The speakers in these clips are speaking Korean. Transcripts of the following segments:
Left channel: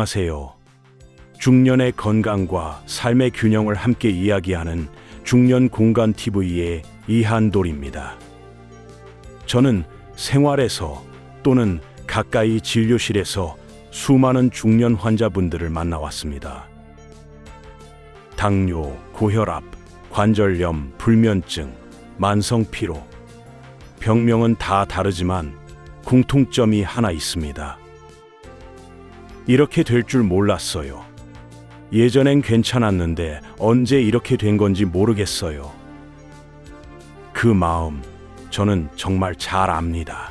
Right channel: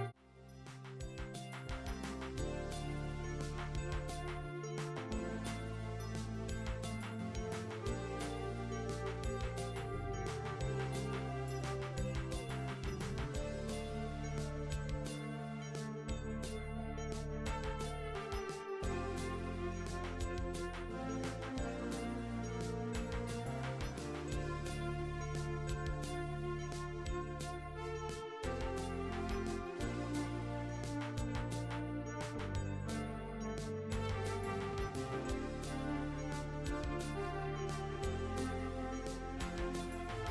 안녕하세요. 중년의 건강과 삶의 균형을 함께 이야기하는 중년 공간 TV의 이한돌입니다. 저는 생활에서 또는 가까이 진료실에서 수많은 중년 환자분들을 만나왔습니다. 당뇨, 고혈압, 관절염, 불면증, 만성 피로. 병명은 다 다르지만 공통점이 하나 있습니다. 이렇게 될 줄 몰랐어요. 예전엔 괜찮았는데 언제 이렇게 된 건지 모르겠어요. 그 마음 저는 정말 잘 압니다.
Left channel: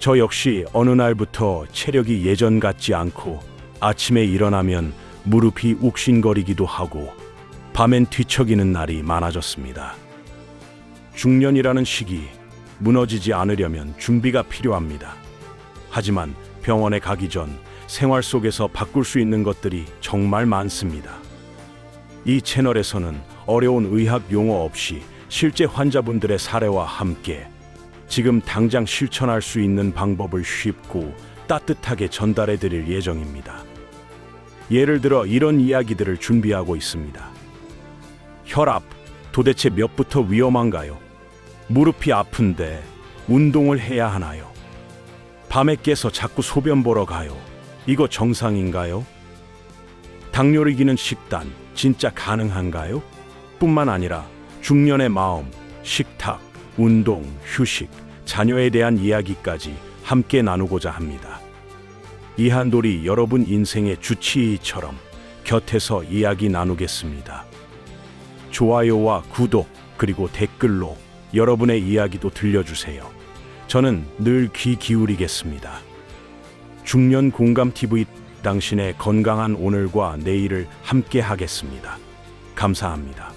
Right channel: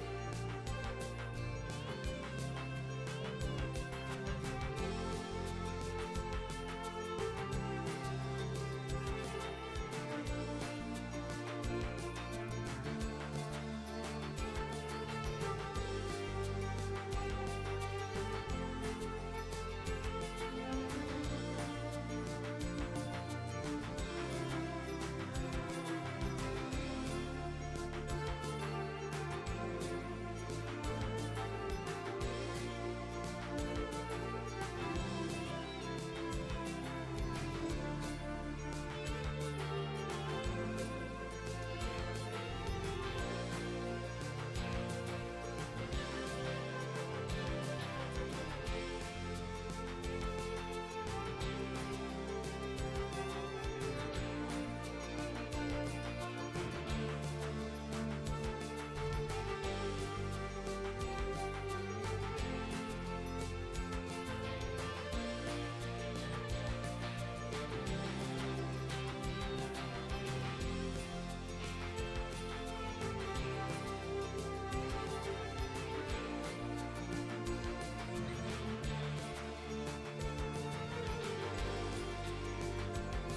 저 역시 어느 날부터 체력이 예전 같지 않고 아침에 일어나면 무릎이 욱신거리기도 하고 밤엔 뒤척이는 날이 많아졌습니다. 중년이라는 시기 무너지지 않으려면 준비가 필요합니다. 하지만 병원에 가기 전 생활 속에서 바꿀 수 있는 것들이 정말 많습니다. 이 채널에서는 어려운 의학 용어 없이 실제 환자분들의 사례와 함께 지금 당장 실천할 수 있는 방법을 쉽고 따뜻하게 전달해 드릴 예정입니다. 예를 들어 이런 이야기들을 준비하고 있습니다. 혈압 도대체 몇부터 위험한가요? 무릎이 아픈데 운동을 해야 하나요? 밤에 깨서 자꾸 소변 보러 가요. 이거 정상인가요? 당뇨를 이기는 식단 진짜 가능한가요? 뿐만 아니라 중년의 마음, 식탁, 운동, 휴식, 자녀에 대한 이야기까지 함께 나누고자 합니다. 이한돌이 여러분 인생의 주치의처럼 곁에서 이야기 나누겠습니다. 좋아요와 구독 그리고 댓글로 여러분의 이야기도 들려주세요. 저는 늘 귀 기울이겠습니다. 중년 공감 TV 당신의 건강한 오늘과 내일을 함께 하겠습니다. 감사합니다.